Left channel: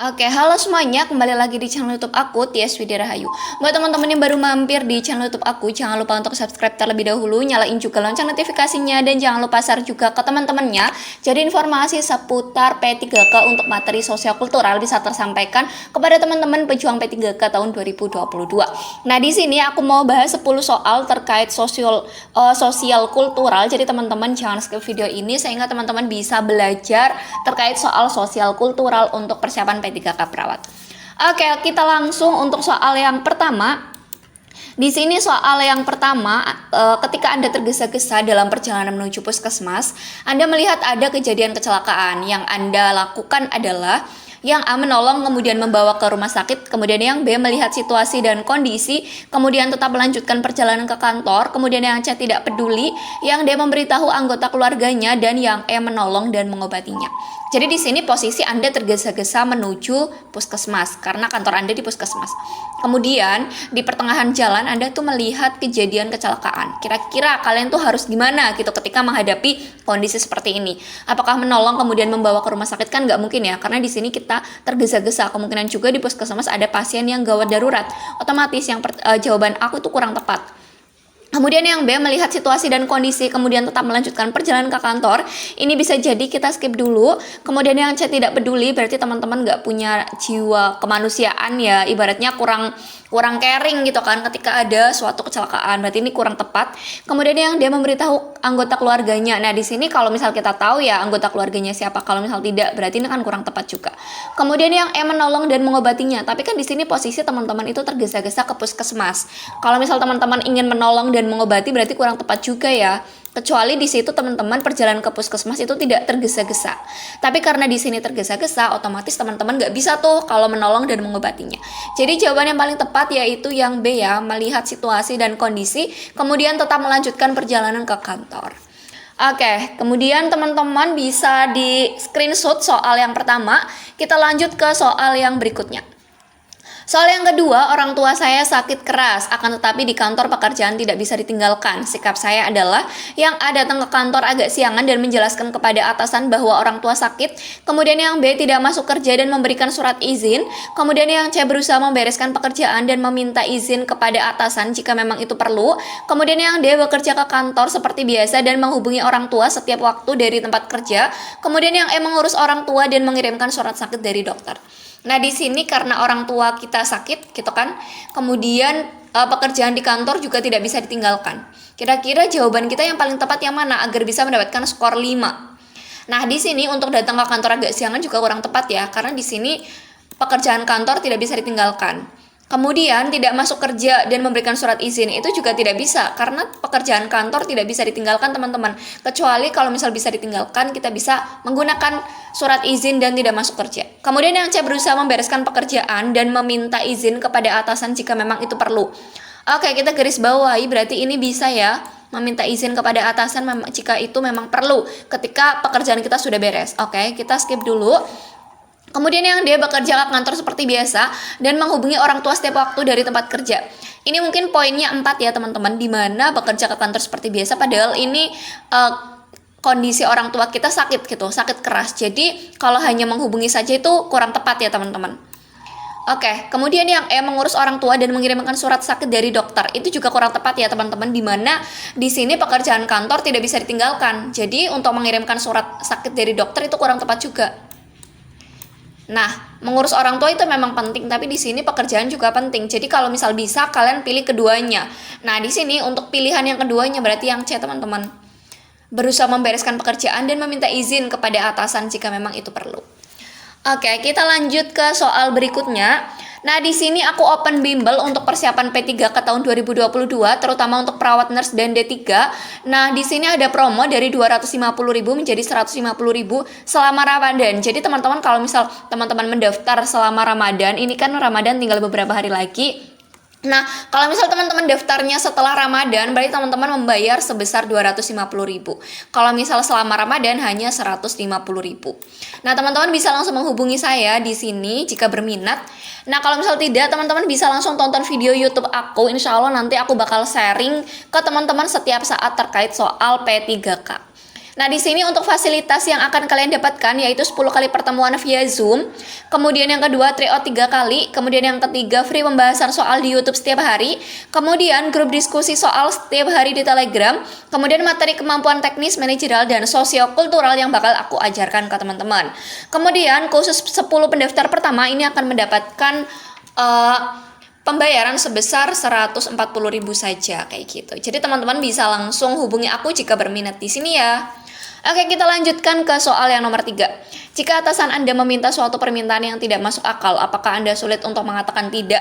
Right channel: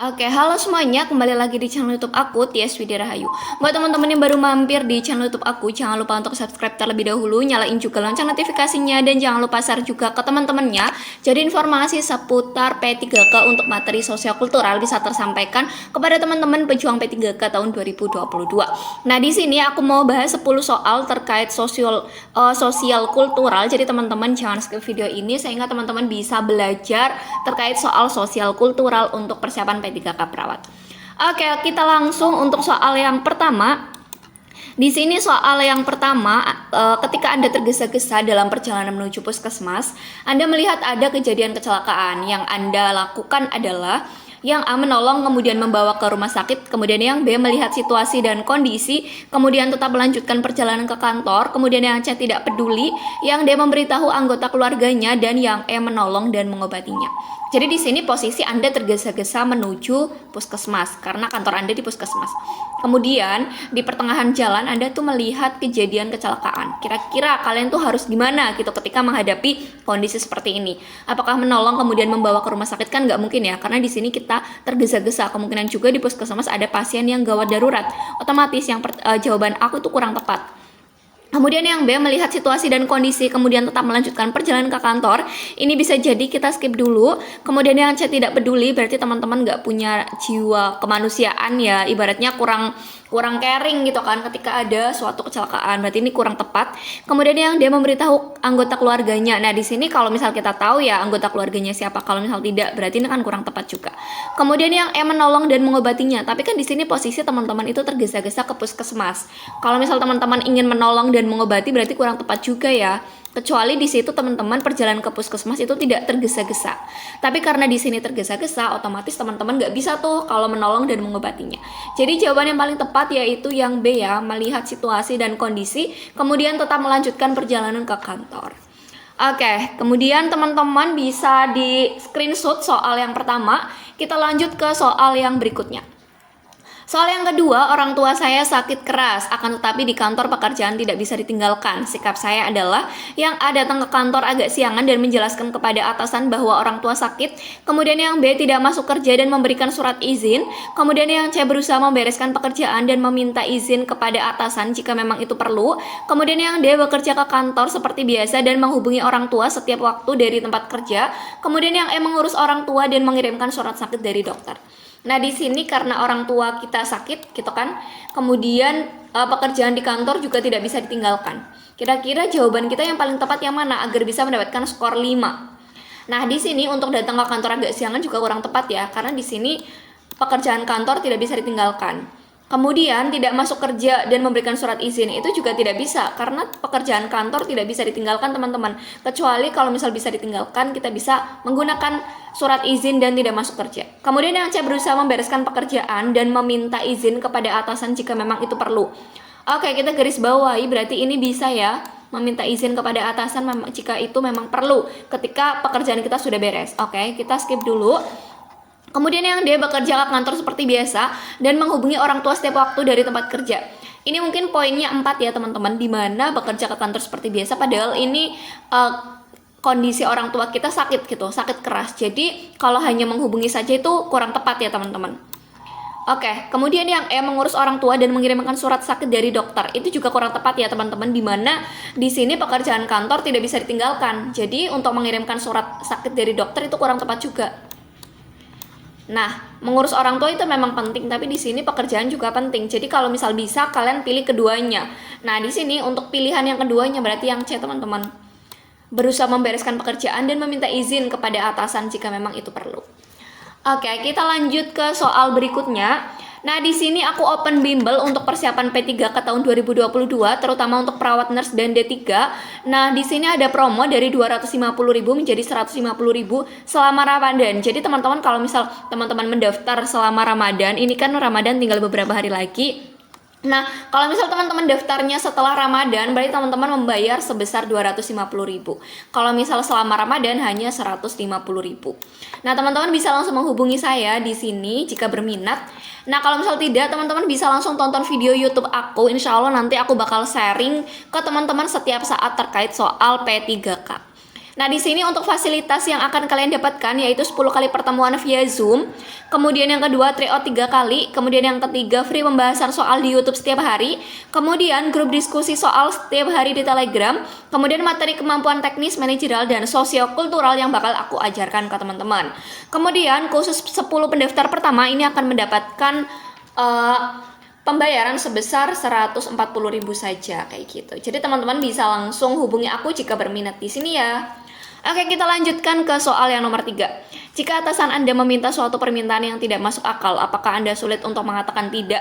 Oke, halo semuanya, kembali lagi di channel YouTube aku, Tias Widya Rahayu. Buat teman-teman yang baru mampir di channel YouTube aku, jangan lupa untuk subscribe terlebih dahulu, nyalain juga lonceng notifikasinya, dan jangan lupa share juga ke teman-temannya. Jadi informasi seputar P3K untuk materi sosial kultural bisa tersampaikan kepada teman-teman pejuang P3K tahun 2022. Nah, di sini aku mau bahas 10 soal terkait sosial kultural. Jadi teman-teman jangan skip video ini sehingga teman-teman bisa belajar terkait soal sosial kultural untuk persiapan P3K perawat. Oke, kita langsung untuk soal yang pertama. Di sini soal yang pertama, ketika Anda tergesa-gesa dalam perjalanan menuju puskesmas, Anda melihat ada kejadian kecelakaan. Yang Anda lakukan adalah yang A menolong kemudian membawa ke rumah sakit, kemudian yang B melihat situasi dan kondisi, kemudian tetap melanjutkan perjalanan ke kantor, kemudian yang C tidak peduli, yang D memberitahu anggota keluarganya, dan yang E menolong dan mengobatinya. Jadi di sini posisi Anda tergesa-gesa menuju puskesmas karena kantor Anda di puskesmas. Kemudian di pertengahan jalan Anda tuh melihat kejadian kecelakaan. Kira-kira kalian tuh harus gimana gitu ketika menghadapi kondisi seperti ini? Apakah menolong kemudian membawa ke rumah sakit? Kan nggak mungkin ya, karena di sini kita tergesa-gesa. Kemungkinan juga di puskesmas ada pasien yang gawat darurat. Otomatis yang jawaban aku itu kurang tepat. Kemudian yang B melihat situasi dan kondisi kemudian tetap melanjutkan perjalanan ke kantor. Ini bisa jadi kita skip dulu. Kemudian yang C tidak peduli, berarti teman-teman nggak punya jiwa kemanusiaan ya, ibaratnya kurang caring gitu kan ketika ada suatu kecelakaan. Berarti ini kurang tepat. Kemudian yang dia memberitahu anggota keluarganya. Nah, di sini kalau misal kita tahu ya anggota keluarganya siapa, kalau misal tidak berarti ini kan kurang tepat juga. Kemudian yang E menolong dan mengobatinya. Tapi kan di sini posisi teman-teman itu tergesa-gesa ke puskesmas. Kalau misal teman-teman ingin menolong dan mengobati berarti kurang tepat juga ya. Kecuali di situ teman-teman perjalanan ke puskesmas itu tidak tergesa-gesa. Tapi karena di sini tergesa-gesa, otomatis teman-teman nggak bisa tuh kalau menolong dan mengobatinya. Jadi jawaban yang paling tepat yaitu yang B ya, melihat situasi dan kondisi, kemudian tetap melanjutkan perjalanan ke kantor. Oke, kemudian teman-teman bisa di screenshot soal yang pertama. Kita lanjut ke soal yang berikutnya. Soal yang kedua, orang tua saya sakit keras, akan tetapi di kantor pekerjaan tidak bisa ditinggalkan. Sikap saya adalah yang A datang ke kantor agak siangan dan menjelaskan kepada atasan bahwa orang tua sakit. Kemudian yang B tidak masuk kerja dan memberikan surat izin. Kemudian yang C berusaha membereskan pekerjaan dan meminta izin kepada atasan jika memang itu perlu. Kemudian yang D bekerja ke kantor seperti biasa dan menghubungi orang tua setiap waktu dari tempat kerja. Kemudian yang E mengurus orang tua dan mengirimkan surat sakit dari dokter. Nah, di sini karena orang tua kita sakit gitu kan, kemudian pekerjaan di kantor juga tidak bisa ditinggalkan. Kira-kira jawaban kita yang paling tepat yang mana agar bisa mendapatkan skor 5? Nah, di sini untuk datang ke kantor agak siangan juga kurang tepat ya, karena di sini pekerjaan kantor tidak bisa ditinggalkan. Kemudian tidak masuk kerja dan memberikan surat izin itu juga tidak bisa karena pekerjaan kantor tidak bisa ditinggalkan teman-teman. Kecuali kalau misal bisa ditinggalkan kita bisa menggunakan surat izin dan tidak masuk kerja. Kemudian yang C berusaha membereskan pekerjaan dan meminta izin kepada atasan jika memang itu perlu. Oke, kita garis bawahi berarti ini bisa ya, meminta izin kepada atasan jika itu memang perlu ketika pekerjaan kita sudah beres. Oke, kita skip dulu. Kemudian yang dia bekerja ke kantor seperti biasa dan menghubungi orang tua setiap waktu dari tempat kerja. Ini mungkin poinnya 4 ya teman-teman, di mana bekerja ke kantor seperti biasa padahal ini kondisi orang tua kita sakit gitu, sakit keras. Jadi kalau hanya menghubungi saja itu kurang tepat ya teman-teman. Oke, kemudian yang E mengurus orang tua dan mengirimkan surat sakit dari dokter. Itu juga kurang tepat ya teman-teman, di mana di sini pekerjaan kantor tidak bisa ditinggalkan. Jadi untuk mengirimkan surat sakit dari dokter itu kurang tepat juga. Nah, mengurus orang tua itu memang penting, tapi di sini pekerjaan juga penting. Jadi kalau misal bisa, kalian pilih keduanya. Nah, di sini untuk pilihan yang keduanya berarti yang C, teman-teman. Berusaha membereskan pekerjaan dan meminta izin kepada atasan jika memang itu perlu. Oke, kita lanjut ke soal berikutnya. Nah, di sini aku open bimbel untuk persiapan P3K tahun 2022, terutama untuk perawat nurse dan D3. Nah, di sini ada promo dari 250.000 menjadi 150.000 selama Ramadan. Jadi teman-teman kalau misal teman-teman mendaftar selama Ramadan, ini kan Ramadan tinggal beberapa hari lagi. Nah, kalau misal teman-teman daftarnya setelah Ramadan, berarti teman-teman membayar sebesar 250.000. Kalau misal selama Ramadan hanya 150.000. Nah, teman-teman bisa langsung menghubungi saya di sini jika berminat. Nah, kalau misal tidak, teman-teman bisa langsung tonton video YouTube aku. Insya Allah nanti aku bakal sharing ke teman-teman setiap saat terkait soal P3K. Nah, di sini untuk fasilitas yang akan kalian dapatkan yaitu 10 kali pertemuan via Zoom. Kemudian yang kedua, tryout 3 kali. Kemudian yang ketiga, free pembahasan soal di YouTube setiap hari. Kemudian grup diskusi soal setiap hari di Telegram. Kemudian materi kemampuan teknis, manajerial, dan sosiokultural yang bakal aku ajarkan ke teman-teman. Kemudian khusus 10 pendaftar pertama ini akan mendapatkan pembayaran sebesar 140.000 saja kayak gitu. Jadi teman-teman bisa langsung hubungi aku jika berminat di sini ya. Oke, kita lanjutkan ke soal yang nomor 3. Jika atasan Anda meminta suatu permintaan yang tidak masuk akal, apakah Anda sulit untuk mengatakan tidak?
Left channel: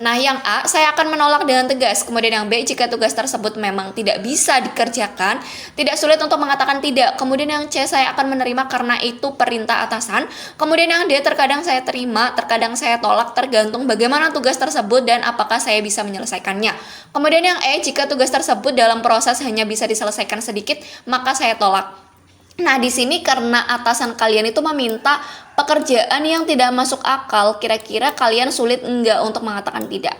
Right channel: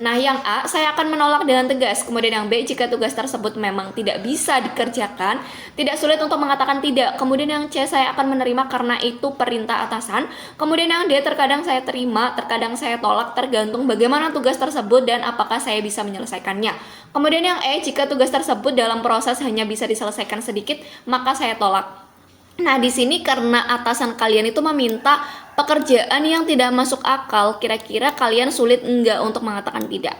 Nah, yang A, saya akan menolak dengan tegas. Kemudian yang B, jika tugas tersebut memang tidak bisa dikerjakan, tidak sulit untuk mengatakan tidak. Kemudian yang C, saya akan menerima karena itu perintah atasan. Kemudian yang D, terkadang saya terima, terkadang saya tolak, tergantung bagaimana tugas tersebut dan apakah saya bisa menyelesaikannya. Kemudian yang E, jika tugas tersebut dalam proses hanya bisa diselesaikan sedikit, maka saya tolak. Nah, di sini karena atasan kalian itu meminta pekerjaan yang tidak masuk akal, kira-kira kalian sulit enggak untuk mengatakan tidak?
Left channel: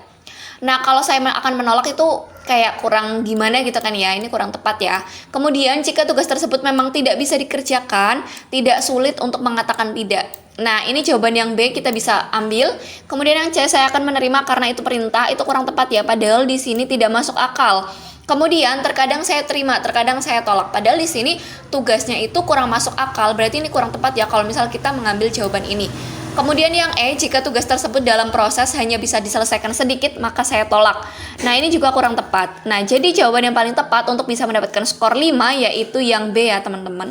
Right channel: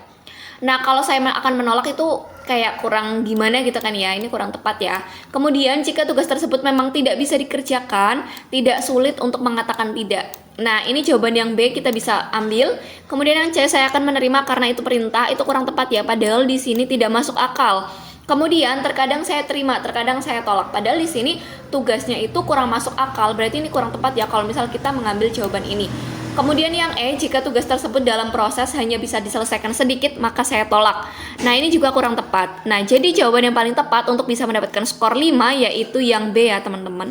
Nah, kalau saya akan menolak itu kayak kurang gimana gitu kan ya, ini kurang tepat ya. Kemudian jika tugas tersebut memang tidak bisa dikerjakan, tidak sulit untuk mengatakan tidak. Nah, ini jawaban yang B kita bisa ambil. Kemudian yang C, saya akan menerima karena itu perintah, itu kurang tepat ya, padahal di sini tidak masuk akal. Kemudian terkadang saya terima, terkadang saya tolak. Padahal di sini tugasnya itu kurang masuk akal. Berarti ini kurang tepat ya kalau misal kita mengambil jawaban ini. Kemudian yang E, jika tugas tersebut dalam proses hanya bisa diselesaikan sedikit, maka saya tolak. Nah, ini juga kurang tepat. Nah, jadi jawaban yang paling tepat untuk bisa mendapatkan skor 5 yaitu yang B ya, teman-teman.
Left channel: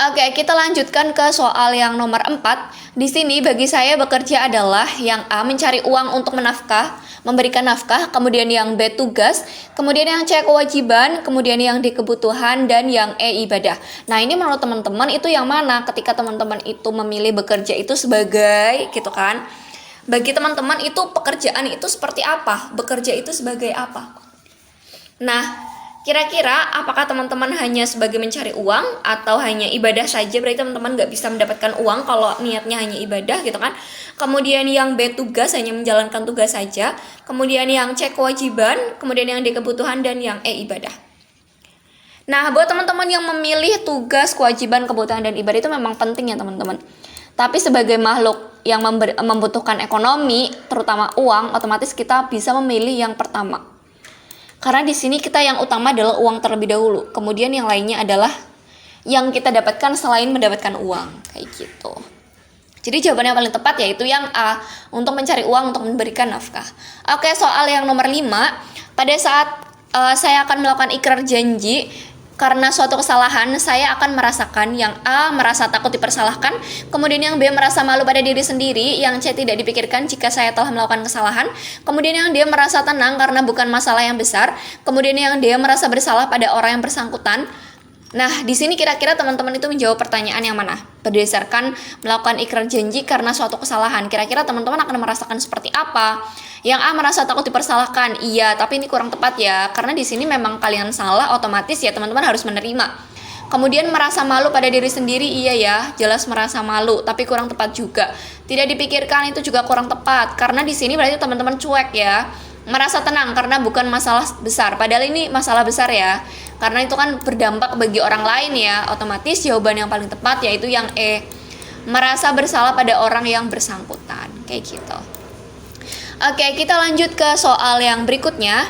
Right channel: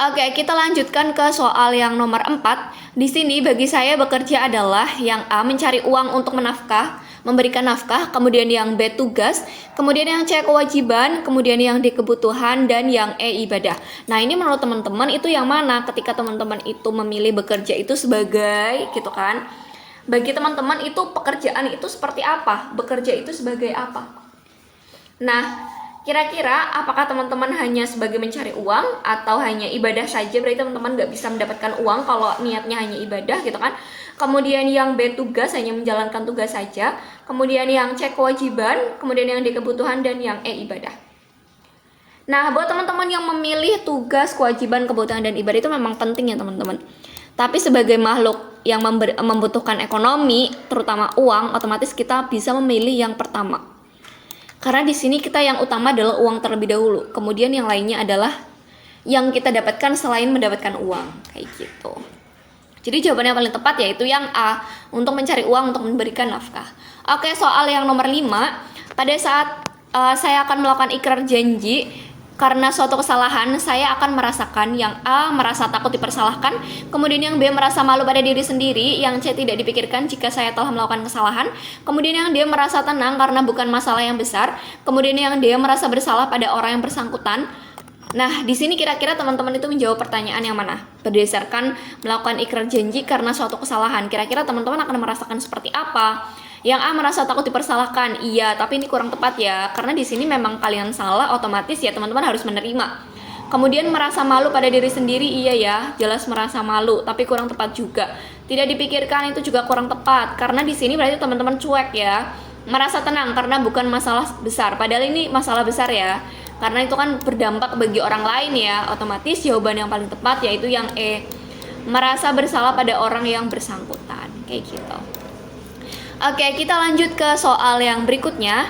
Oke, kita lanjutkan ke soal yang nomor 4. Di sini bagi saya bekerja adalah yang A, mencari uang untuk memberikan nafkah, kemudian yang B, tugas, kemudian yang C, kewajiban, kemudian yang D, kebutuhan, dan yang E, ibadah. Nah, ini menurut teman-teman itu yang mana ketika teman-teman itu memilih bekerja itu sebagai gitu kan? Bagi teman-teman itu pekerjaan itu seperti apa? Bekerja itu sebagai apa? Nah, kira-kira apakah teman-teman hanya sebagai mencari uang atau hanya ibadah saja? Berarti teman-teman nggak bisa mendapatkan uang kalau niatnya hanya ibadah gitu kan. Kemudian yang B, tugas, hanya menjalankan tugas saja. Kemudian yang C, kewajiban. Kemudian yang D, kebutuhan. Dan yang E, ibadah. Nah, buat teman-teman yang memilih tugas, kewajiban, kebutuhan, dan ibadah itu memang penting ya teman-teman. Tapi sebagai makhluk yang membutuhkan ekonomi, terutama uang, otomatis kita bisa memilih yang pertama. Karena di sini kita yang utama adalah uang terlebih dahulu. Kemudian yang lainnya adalah yang kita dapatkan selain mendapatkan uang. Kayak gitu. Jadi jawaban yang paling tepat yaitu yang A. Untuk mencari uang untuk memberikan nafkah. Oke, soal yang nomor 5. Pada saat saya akan melakukan ikrar janji karena suatu kesalahan, saya akan merasakan yang A, merasa takut dipersalahkan, kemudian yang B, merasa malu pada diri sendiri, yang C, tidak dipikirkan jika saya telah melakukan kesalahan, kemudian yang D, merasa tenang karena bukan masalah yang besar, kemudian yang D, merasa bersalah pada orang yang bersangkutan. Nah, di sini kira-kira teman-teman itu menjawab pertanyaan yang mana? Berdasarkan melakukan ikrar janji karena suatu kesalahan, kira-kira teman-teman akan merasakan seperti apa? Yang A, merasa takut dipersalahkan. Iya, tapi ini kurang tepat ya. Karena di sini memang kalian salah, otomatis ya teman-teman harus menerima. Kemudian merasa malu pada diri sendiri, iya ya, jelas merasa malu, tapi kurang tepat juga. Tidak dipikirkan itu juga kurang tepat. Karena di sini berarti teman-teman cuek ya. Merasa tenang karena bukan masalah besar. Padahal ini masalah besar ya. Karena itu kan berdampak bagi orang lain ya. Otomatis jawaban yang paling tepat yaitu yang E. Merasa bersalah pada orang yang bersangkutan. Kayak gitu. Oke, kita lanjut ke soal yang berikutnya.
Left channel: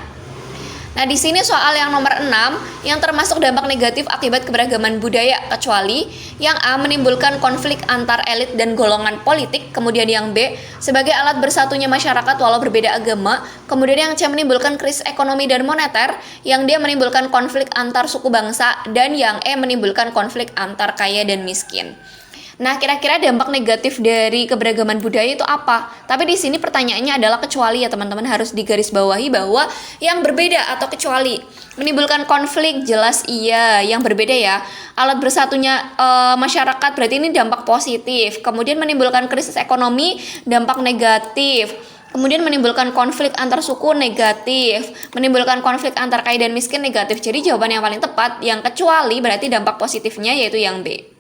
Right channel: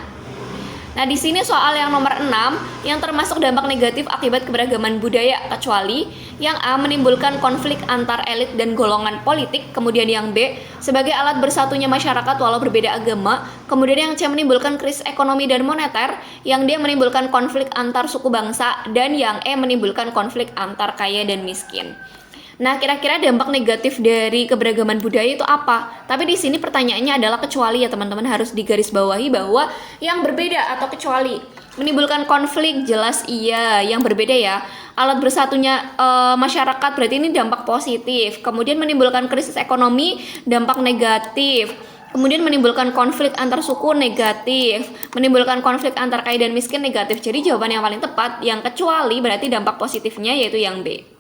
Nah, di sini soal yang nomor 6 yang termasuk dampak negatif akibat keberagaman budaya, kecuali yang A, menimbulkan konflik antar elit dan golongan politik, kemudian yang B, sebagai alat bersatunya masyarakat walau berbeda agama, kemudian yang C, menimbulkan krisis ekonomi dan moneter, yang D, menimbulkan konflik antar suku bangsa, dan yang E, menimbulkan konflik antar kaya dan miskin. Nah, kira-kira dampak negatif dari keberagaman budaya itu apa? Tapi di sini pertanyaannya adalah kecuali ya teman-teman, harus digarisbawahi bahwa yang berbeda atau kecuali. Menimbulkan konflik jelas iya, yang berbeda ya. Alat bersatunya masyarakat berarti ini dampak positif. Kemudian menimbulkan krisis ekonomi, dampak negatif. Kemudian menimbulkan konflik antar suku negatif, menimbulkan konflik antar kaya dan miskin negatif. Jadi jawaban yang paling tepat yang kecuali berarti dampak positifnya yaitu yang B.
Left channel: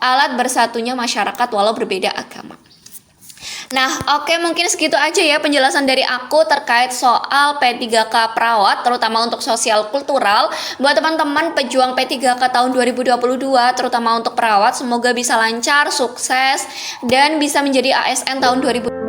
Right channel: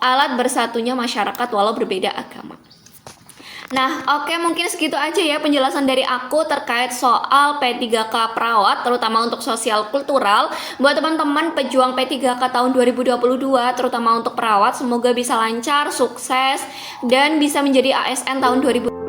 Alat bersatunya masyarakat walau berbeda agama. Nah, oke, mungkin segitu aja ya penjelasan dari aku terkait soal P3K perawat, terutama untuk sosial kultural. Buat teman-teman pejuang P3K tahun 2022, terutama untuk perawat, semoga bisa lancar, sukses, dan bisa menjadi ASN tahun 2022.